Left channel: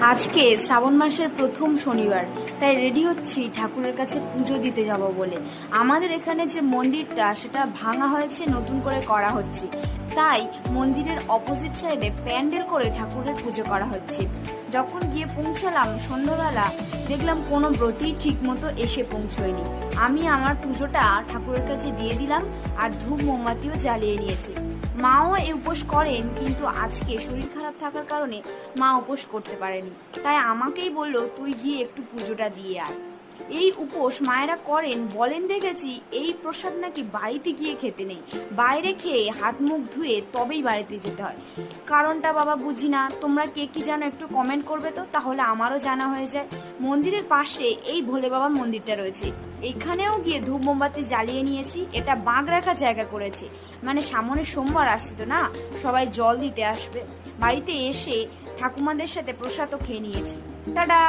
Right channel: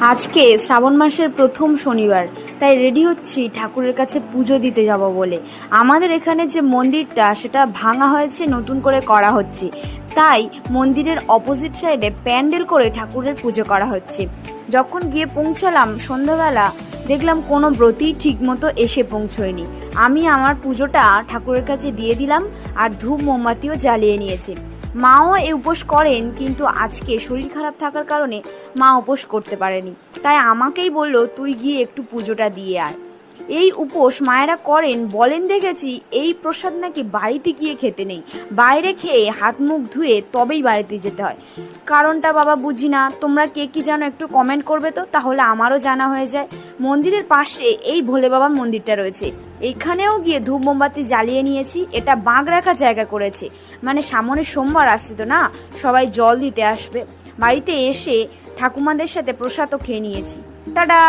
আজকে শ্রাবণ মাসের প্রথম শনিবার, তাই রেডি হচ্ছি ঠাকুরের কাছে পুজো দিতে যাব বলে। আমাদের এখানে যে মন্দিরটা সেটা ভাঙা হয়েছে, নতুন করে করা হচ্ছে, তাই মন্দিরের অপোজিট সাইডে প্যান্ডেল করে ঠাকুরের পুজো করা হচ্ছে। যখন গিয়ে পৌঁছালাম সন্ধ্যাবেলা, দেখলাম কোনো ব্রতই ঠিক মতো এসে পৌঁছয়নি। আমি আমার পুজোটা ঠাকুরের কাছে দিয়ে দিলাম আর ধূপ মোমবাতিও জ্বালিয়ে নিয়েছি। মাও এই উপোস করেন, কিন্তু আজকে শরীর খারাপ থাকার কারণে মা উপোস করতে পারেনি, তাই আমাকেই বললো তুই গিয়ে একটু পুজোটা দিয়ে আয়। এই উপোস মায়েরা করেন, বলেন দেখেছি এই প্রসাদ নাকি বাড়িতে গিয়ে খেতে নেই, বাইরে খেয়ে হাত মুখ ধুয়ে তবেই বাড়িতে যেতে হয়। কারণটা বাবা বুঝি না, তোমরা কে কি জানো একটু কমেন্ট করবে তো, তাহলে আমারও জানা হয়ে যায়। মন্দিরের পাশে এই ভোলে বাবার মন্দিরটা রয়েছে, এইখানেও গিয়ে ধূপ মোমবাতি জ্বালিয়ে নিয়েছি। এটা বাঁক রাখা জায়গা করেছে, মানে সামনে সোমবার আসছে তো না, সবাই জল দিতে আসবে। বাড়িতে এসে ঠাকুমাদের সাথে প্রসাদও খেয়ে নিয়েছি। টাটা।